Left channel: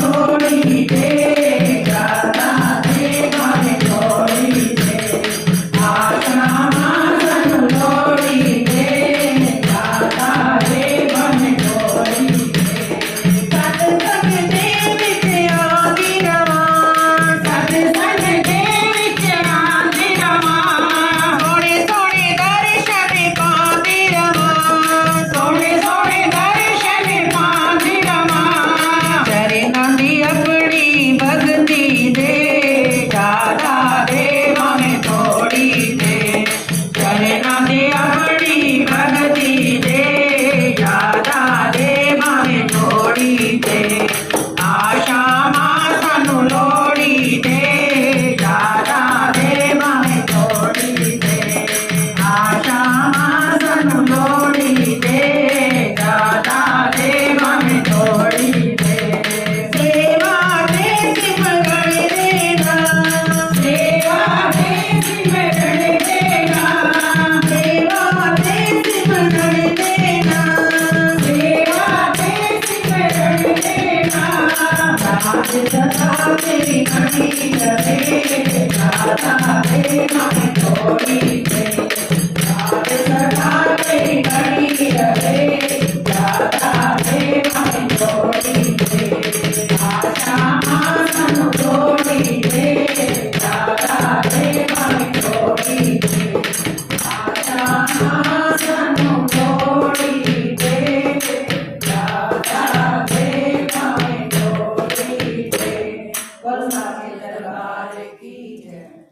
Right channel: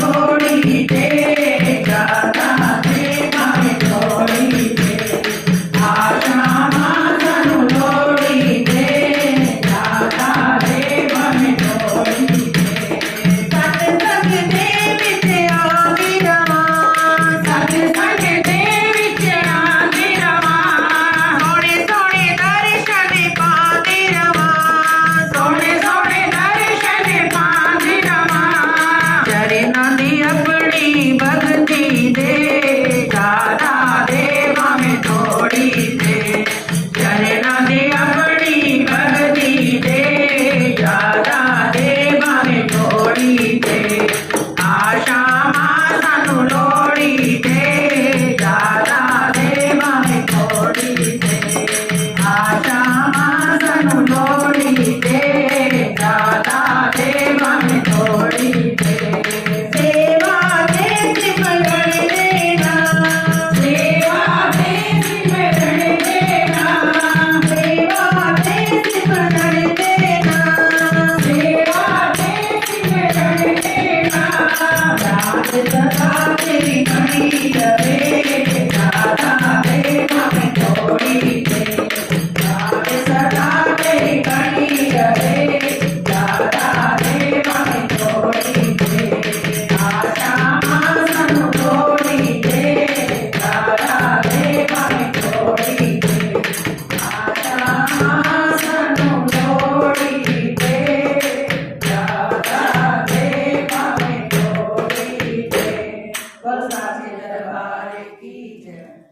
लोड़ी दे जाता दे मामे लोड़ी दे आशा मातनु लोड़ी दे जाता दे मामे लोड़ी दे सत्संग देवी से आगे रवा सत्संग देवी से आगे रवा सोने सोने दर्शन पाते रवा सोने सोने दर्शन पाते रवा चरणों दी अपनी भक्ति दे दादा दे मामे थोड़ी दे चरणों दी अपनी भक्ति दे दादा दे मामे थोड़ी दे आशा मातनु लोड़ी दे दादा दे मामे थोड़ी दे आशा मातनु लोड़ी दे दादा दे मामे थोड़ी दे सेवा दे सिमरन देना सेवा दे सिमरन देना सेवा दे सिमरन देना सेवा दे सिमरन देना दास सदा तेरी बड़ी रहे